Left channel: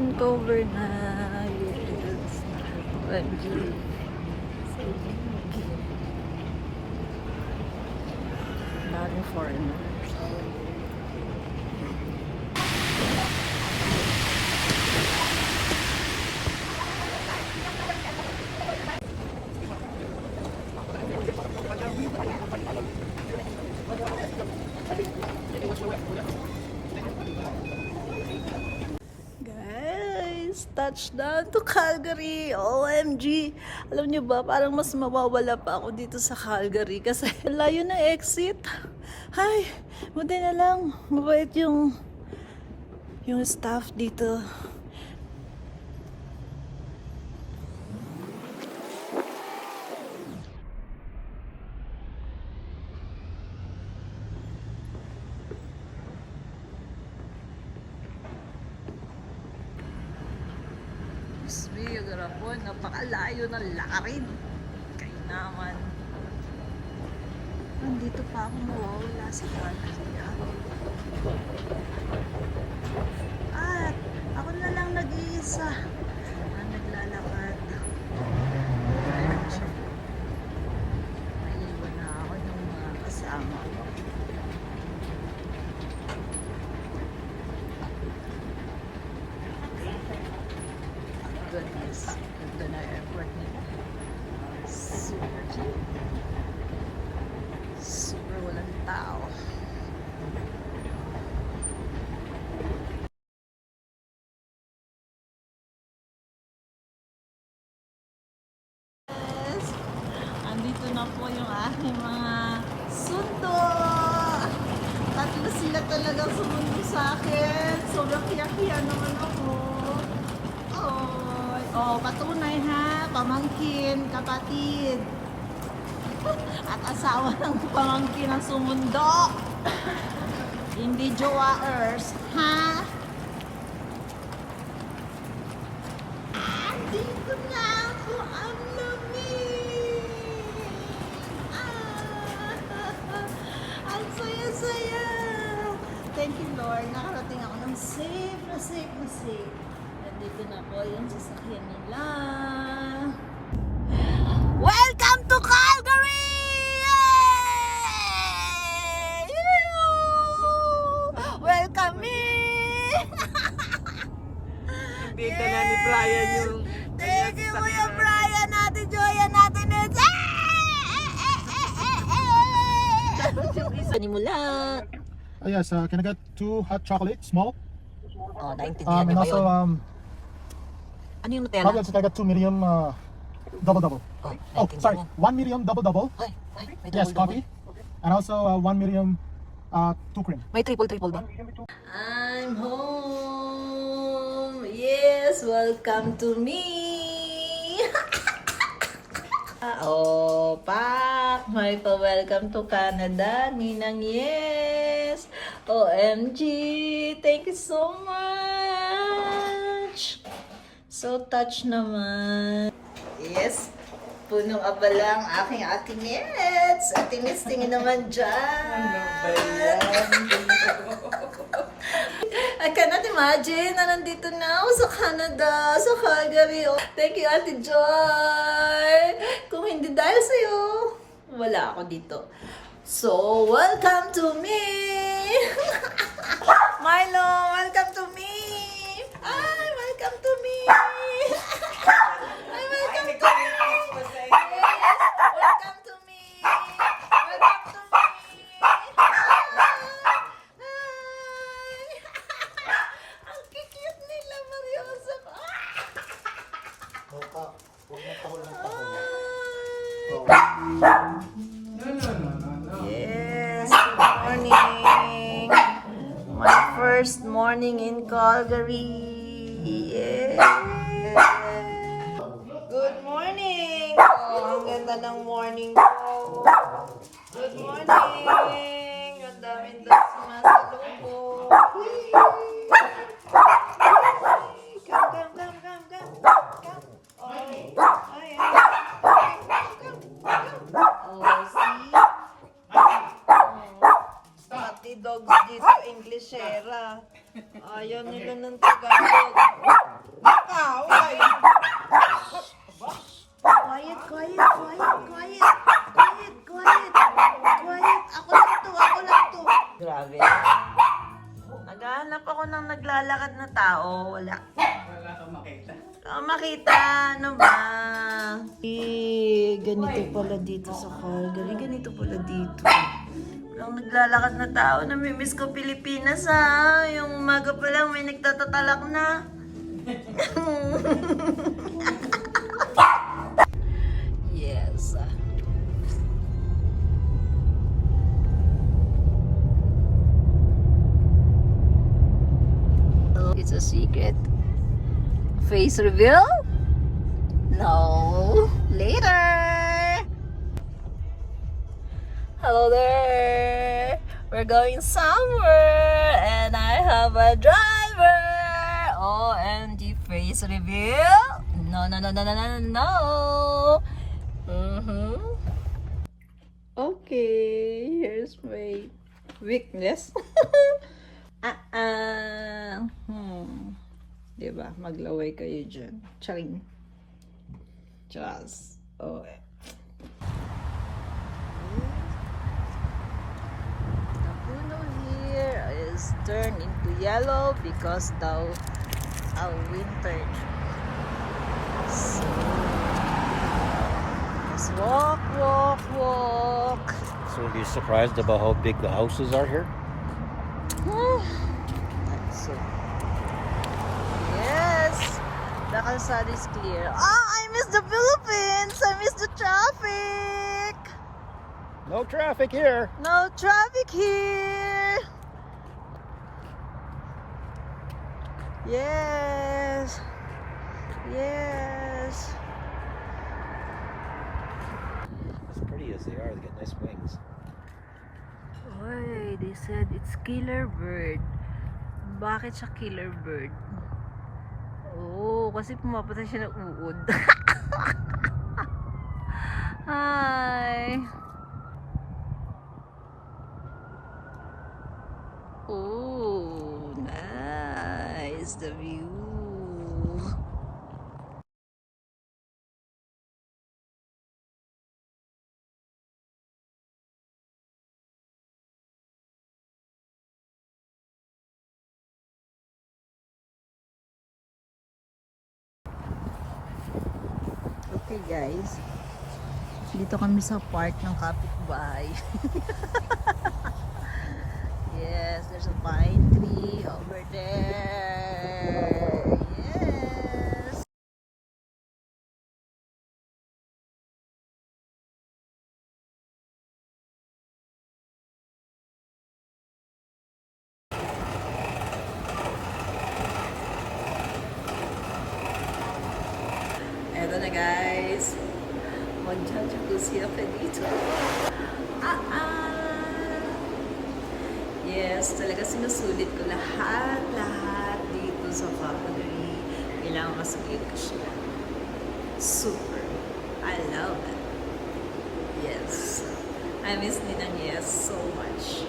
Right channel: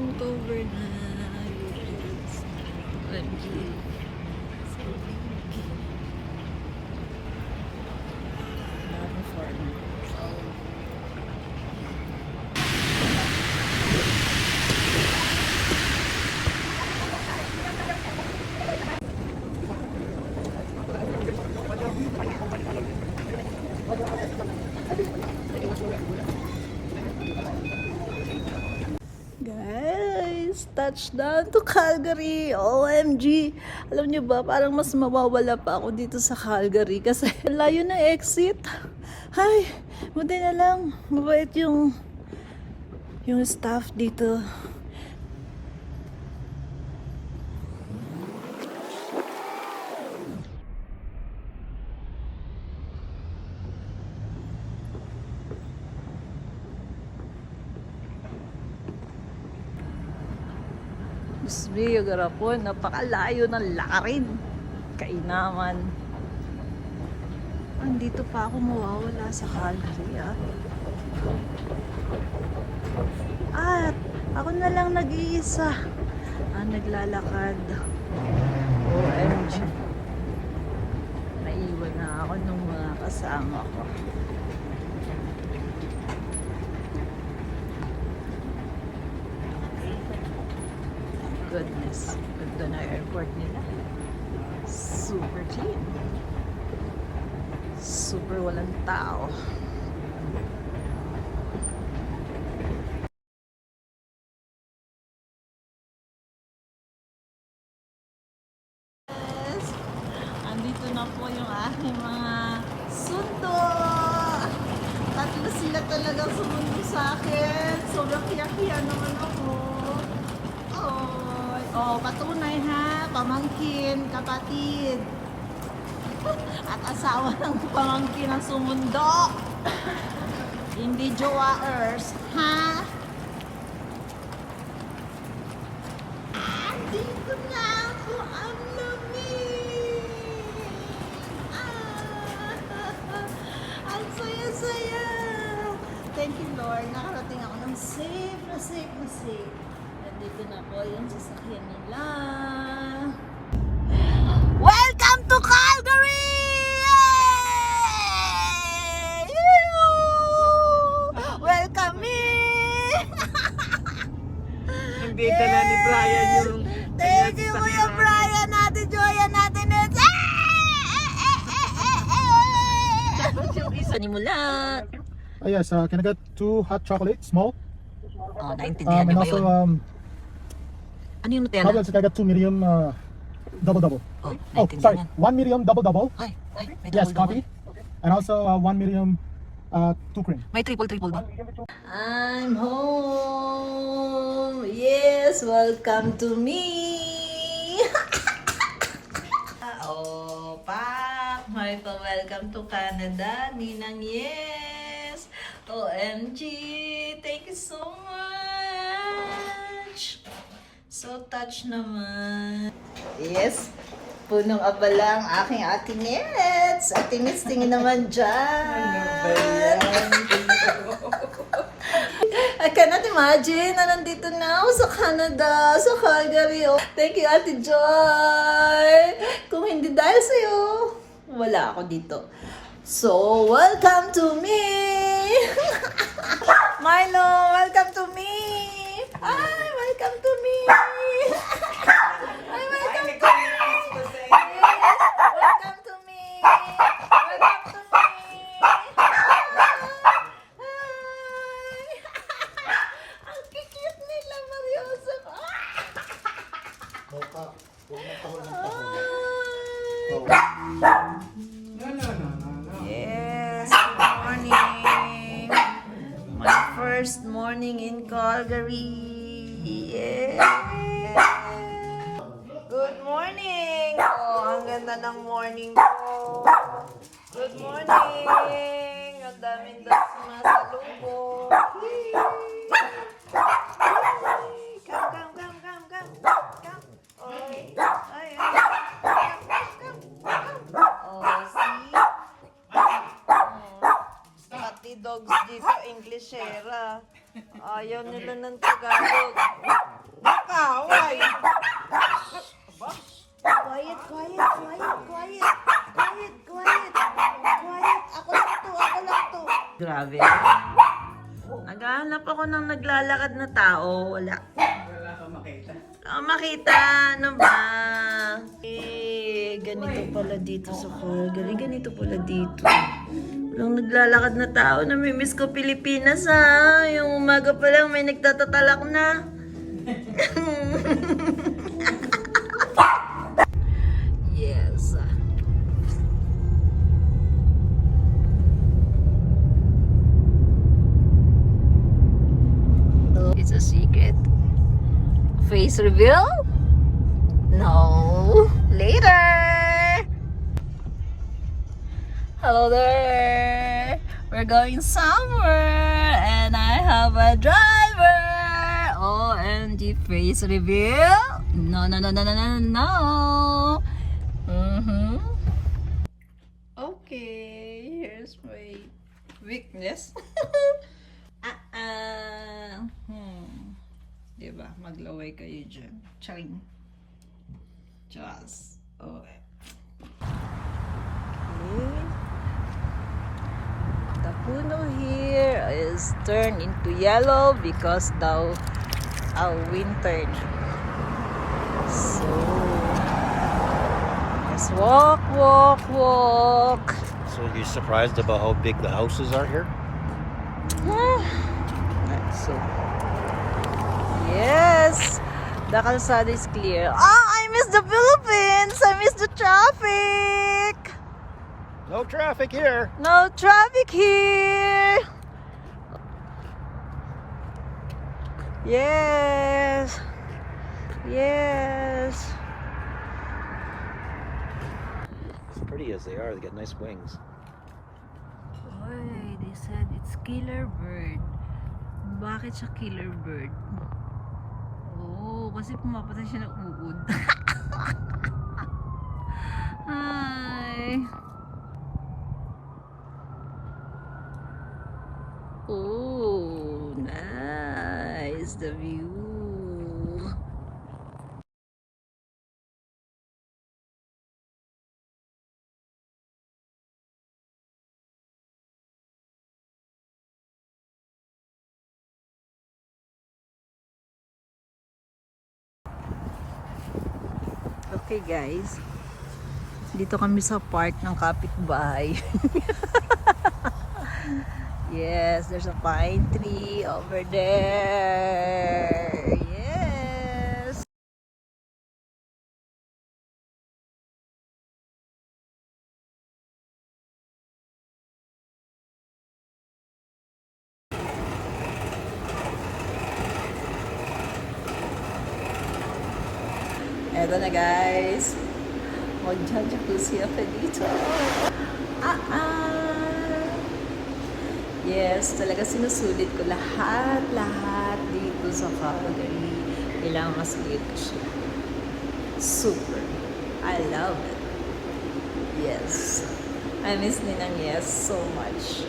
Vancouver na. Yes. OMG. So, dami foreigner. Guys, touchdown to Calgary. OMG. Alam niyo ba, parang mas mawawala pa ako dito sa Calgary kasi layo na exit. Ay, buti na lang. Mabait yung staff dito. Biyo garapon, napakalayo ng lakarin. Kainaman. Nandito pa ako mawawala sa Calgary. At ako na lang nag-iisa. Naglalakad. OMG. Naiwan na ako ng mga kasama ko. Goodness, ganda na airport nila. Super cheap. Super walang tao. Yes. Andito na po yung aking mga sundo. Tatlo sila talagang sumundo sa akin. Sobrang kiyak-kiya naman ako. Oh, patunay ha, pamangkin, kapatid. At asawa ng pamangkin ang sumundo. Hindi jowaers, ha? Andito na ako, ang lamig. Ang saya-saya. Thank you, Lord. Nakarating ako ng safe na safe. Dito na po yung sasakyan nila. Welcome to Calgary! Welcome me! Hindi dala ni Brian yung... Thank you, Kuya Brian. Natin, Joya natin. Panimulat. Oh yes, can I get 2 hot chocolate, small? Oh, naintindihan And niyo ba also, yun? Ano yung Nutella? how about can I get 2 medium double? Oh, Oh, sorry, naintindihan. 1 medium double. Ay, may Yes, double-double. coffee. And also 1 medium 2 cream. May triple din. I'm home. Yes, welcome to me. Oh, pa, may pa-welcome to Canada, Ninang. Yes. OMG, thank you so much. So touch naman. Yes. Punong abala ang aking Ate Nets. Ate Nets, tingin naman dyan. I cannot imagine na nandito na ako sa Canada, sa Calgary. Oh, thank you, Ate Joy. Kung hindi dahil sa'yo, wala ako dito. So, welcome to me. Milo, welcome to me. Ay, welcome to me. Ay, welcome to me. Welcome to me. Welcome to me. Hi. Ang cute nila, Mariosa. Mocha, huwag magtahol ng tahol. Yes, good morning. My first morning in Calgary. Yes. Good morning. Oh, ang ganda ng morning ko. Good morning. Ang daming dogs na sa lubo. Come. Oh, ay. Oh, see? Pati dogs dito, Englishera. Ayaw nila ng Tagalog. kaaway. Quiet, quiet, quiet, quiet. Quiet, quiet. Quiet. Ako lang to. Grabe. Naghahanap ako ng naglalakad na tao. Wala. Wala kang makita. Makita. Ano ba? Ganito pala dito sa Calgary. Ganito pala dito. Walang naglalakad na tao. Namimiss ko Pilipinas ha. Yung umaga pa lang may nagtatatalak na. Yes. It's a secret. Face reveal? No. Later. Hello there. We're going somewhere and I have a driver. OMG face reveal? No, no, no, no, no, no, no. Okay, here's my weakness. Diba? Maglaway kayo dyan. Charing. Chas. Okay. The puno here is turned into yellow because daw wintered. So, let's walk, walk, walk. So are you surprised about how big the houses are here? So, yes, the kalsada is clear. Oh, I miss the Philippines. I miss the traffic. No traffic here. No traffic here. Yes. Yes. As pretty as they are, they got nice wings. Why? They said it's killer bird. Bakit siya killer bird? Oh, kasi pumapatay siya ng uod. Hi. Oh, nice the view. Okay guys, dito kami sa park ng kapitbahay. Yes, there's a pine tree over there. Yes. Eto na guys, mag-jacuzzi ako dito. Yes, talaga sinusulit ko lahat dito sa Calgary. Kailangan masulit ko siya. Super. I love it. Yes. I miss Ninang Yes so much.